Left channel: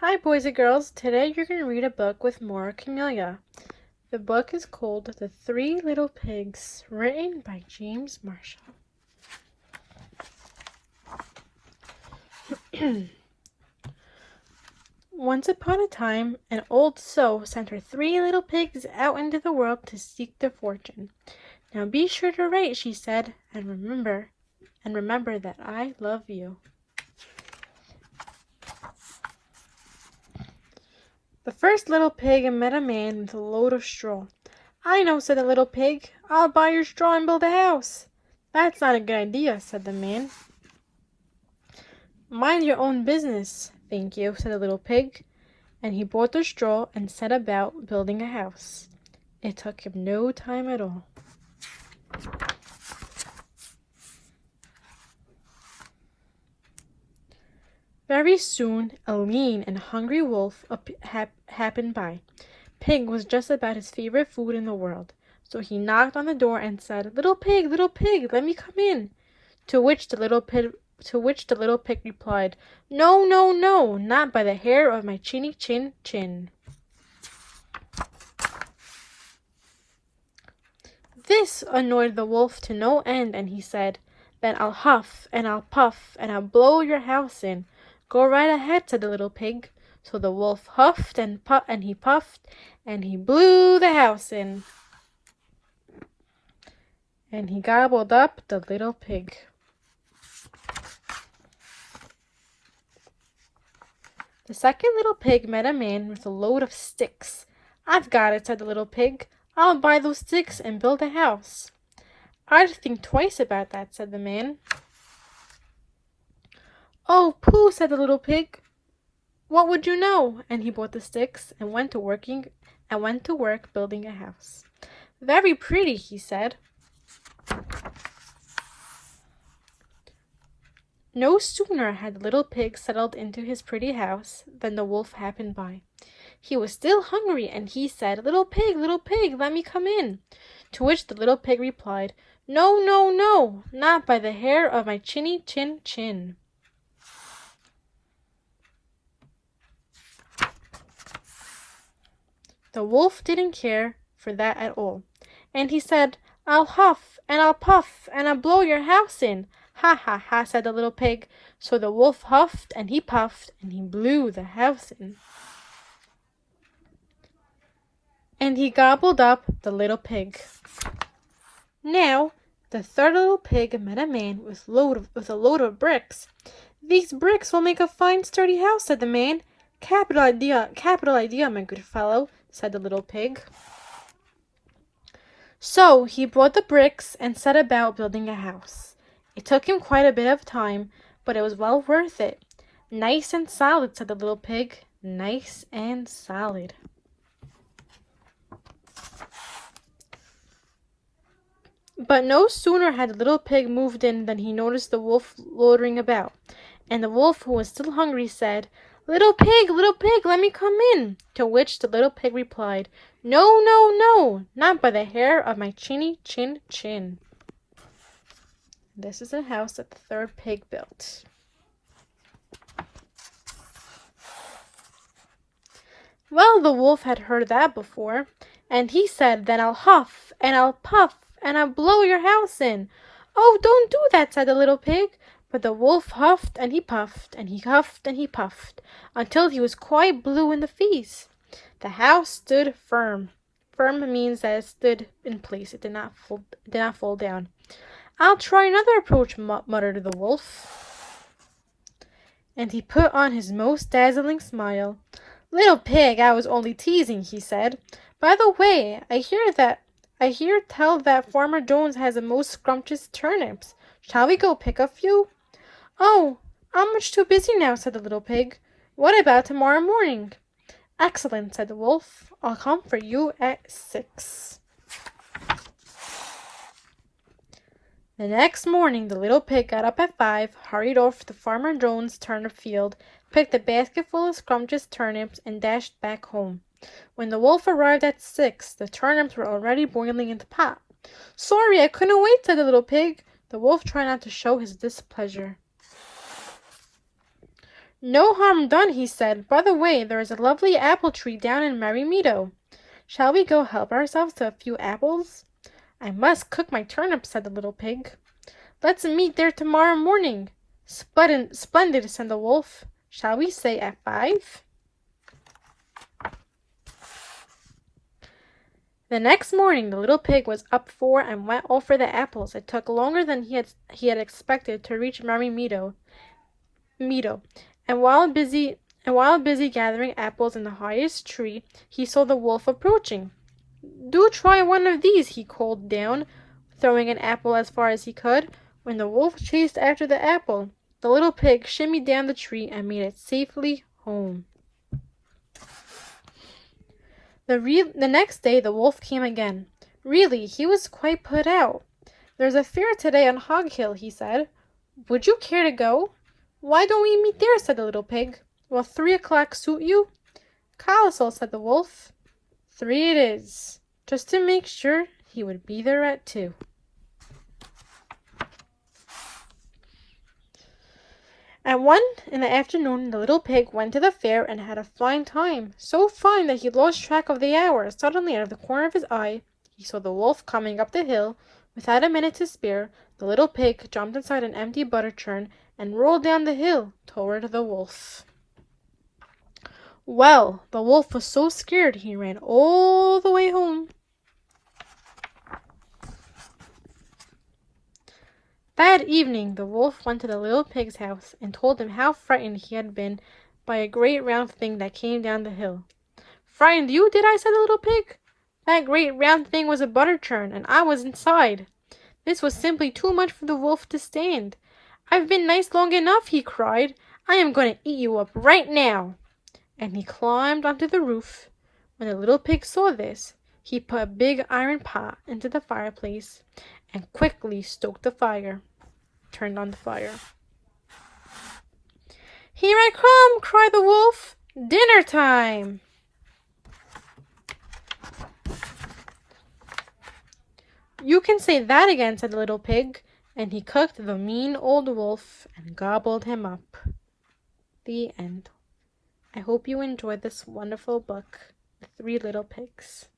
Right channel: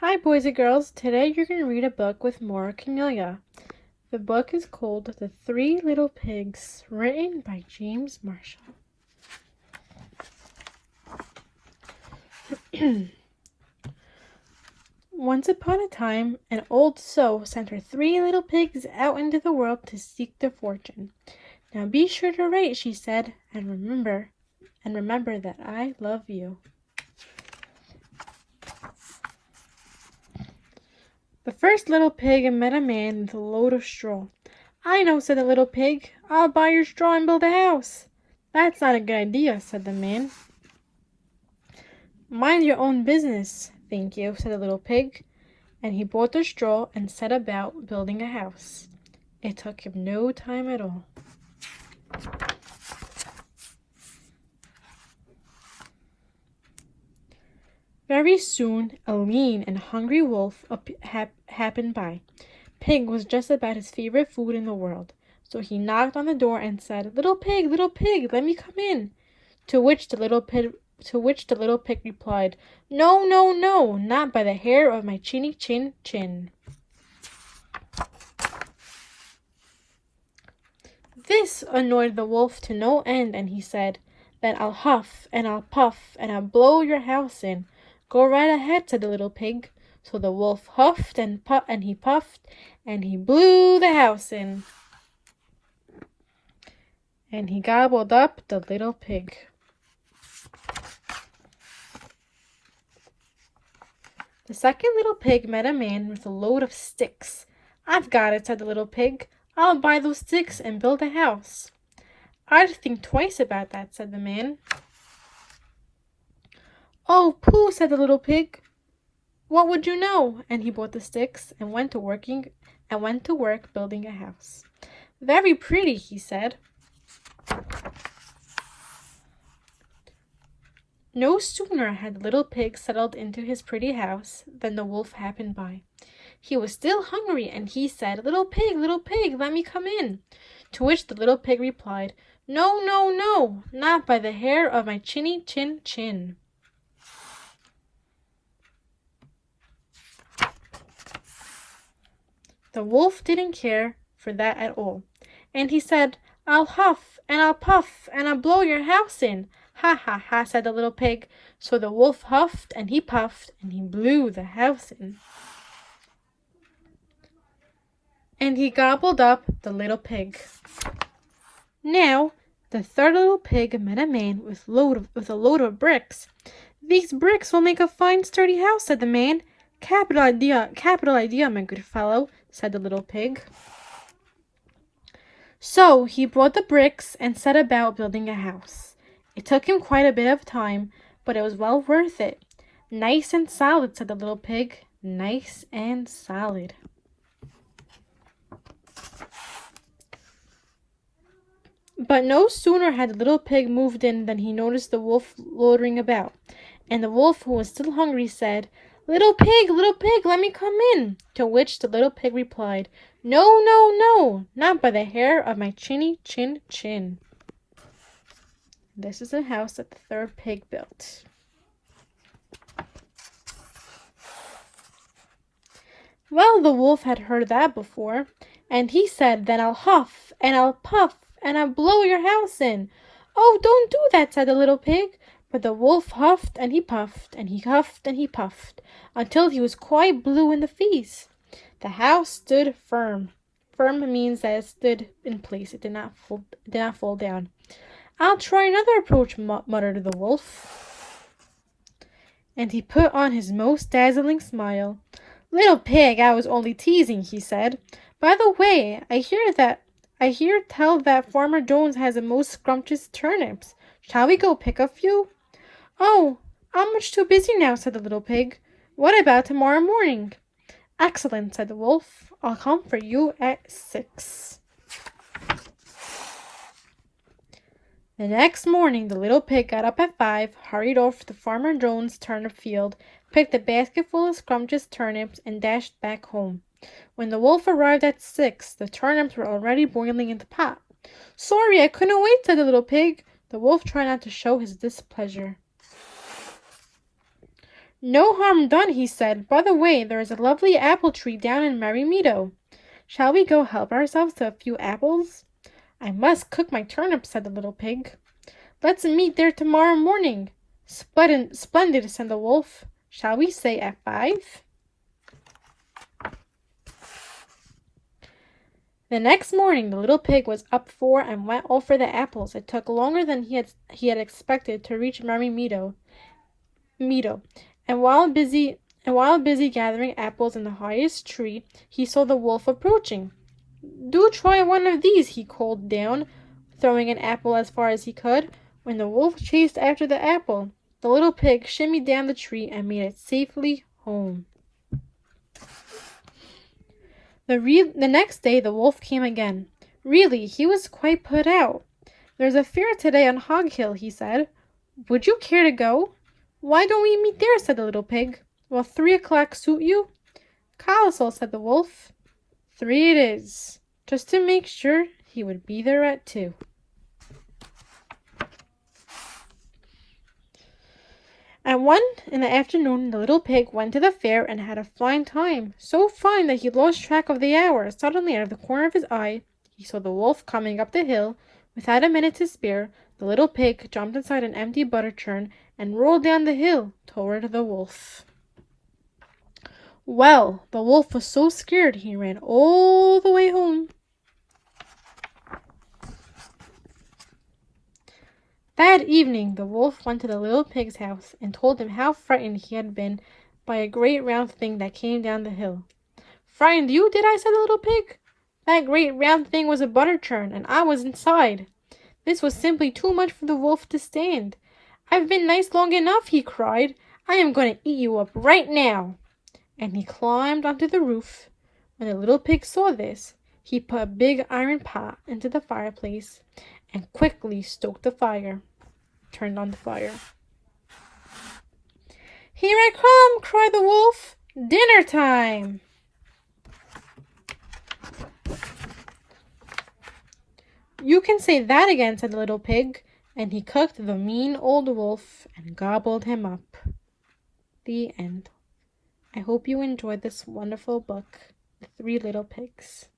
Hi, boys and girls. Today you're going to read a book with Morah Kamilia. The book is called The Three Little Pigs, written by James Marshall. Once upon a time, an old sow sent her three little pigs out into the world to seek their fortune. Now be sure to write, she said, and remember that I love you. The first little pig met a man with a load of straw. "I know," said the little pig. "I'll buy your straw and build a house." "That's not a good idea," said the man. "Mind your own business." "Thank you," said the little pig, and he bought the straw and set about building a house. It took him no time at all. Very soon a lean and hungry wolf happened by. Pig was just about his favorite food in the world, so he knocked on the door and said, little pig, let me come in." To which the little pig replied, "No, no, no, not by the hair of my chinny chin chin." This annoyed the wolf to no end, and he said, "Then I'll huff and I'll puff and I'll blow your house in." "Go right ahead," said the little pig. So the wolf huffed and he puffed and he blew the house in. And he gobbled up the little pig. The second little pig met a man with a load of sticks. "I've got it," said the little pig. "I'll buy those sticks and build a house." "I'd think twice about that," said the man. "Oh, pooh," said the little pig. "What would you know?" And he bought the sticks and went to work building a house. "Very pretty," he said. No sooner had the little pig settled into his pretty house than the wolf happened by. He was still hungry, and he said, little pig, let me come in." To which the little pig replied, "No, no, no, not by the hair of my chinny chin chin." The wolf didn't care for that at all, and he said, "I'll huff and I'll puff and I'll blow your house in." "Ha, ha, ha," said the little pig. So the wolf huffed and he puffed and he blew the house in. And he gobbled up the little pig. Now the third little pig met a man with a load of bricks. "These bricks will make a fine sturdy house," said the man. Capital idea, my good fellow," said the little pig. So he brought the bricks and set about building a house. It took him quite a bit of time, but it was well worth it. "Nice and solid," said the little pig. "Nice and solid." But no sooner had the little pig moved in than he noticed the wolf loitering about. And the wolf, who was still hungry, said, little pig, let me come in." To which the little pig replied, "No, no, no, not by the hair of my chinny chin chin." This is a house that the third pig built. Well, the wolf had heard that before, and he said, "Then I'll huff and I'll puff and I'll blow your house in." "Oh, don't do that," said the little pig. But the wolf huffed and he puffed and he huffed and he puffed until he was quite blue in the face. The house stood firm. Firm means that it stood in place. It did not fall down. "I'll try another approach," muttered the wolf. And he put on his most dazzling smile. "Little pig, I was only teasing," he said. "By the way, I hear tell that Farmer Jones has the most scrumptious turnips. Shall we go pick a few?" "Oh, I'm much too busy now," said the little pig. "What about tomorrow morning?" "Excellent," said the wolf. "I'll come for you at 6. The next morning the little pig got up at 5, hurried off to Farmer Jones' turnip field, picked a basket full of scrumptious turnips, and dashed back home. When the wolf arrived at 6, the turnips were already boiling in the pot. "Sorry, I couldn't wait," said the little pig. The wolf tried not to show his displeasure. No harm done, he said. By the way, there is a lovely apple tree down in Merry Meadow. Shall we go help ourselves to a few apples? I must cook my turnips, said the little pig. Let's meet there tomorrow morning. Splendid, said the wolf. Shall we say at 5? The next morning the little pig was up and went all for the apples. It took longer than he had expected to reach Merry Meadow. And while busy gathering apples in the highest tree, he saw the wolf approaching. Do try one of these, he called down, throwing an apple as far as he could. When the wolf chased after the apple, the little pig shimmied down the tree and made it safely home. The next day the wolf came again. Really, he was quite put out. There's a fair today on Hog Hill, he said. Would you care to go? Why don't we meet there, said the little pig. Will 3 o'clock suit you? Colossal, said the wolf. 3 it is. Just to make sure, he would be there at 2. At 1 in the afternoon, the little pig went to the fair and had a fine time. So fine that he lost track of the hour. Suddenly, out of the corner of his eye, he saw the wolf coming up the hill. Without a minute to spare, the little pig jumped inside an empty butter churn and rolled down the hill toward the wolf. Well, the wolf was so scared he ran all the way home. That evening the wolf went to the little pig's house and told him how frightened he had been by a great round thing that came down the hill. Frightened you, did I? Said the little pig. That great round thing was a butter churn, and I was inside. This was simply too much for the wolf to stand. I've been nice long enough, he cried. I am going to eat you up right now. And he climbed onto the roof. When the little pig saw this, he put a big iron pot into the fireplace and quickly stoked the fire. Turned on the fire. Here I come, cried the wolf. Dinner time. You can say that again, said the little pig, and he cooked the mean old wolf and gobbled him up. The end. I hope you enjoyed this wonderful book, The 3 Little Pigs.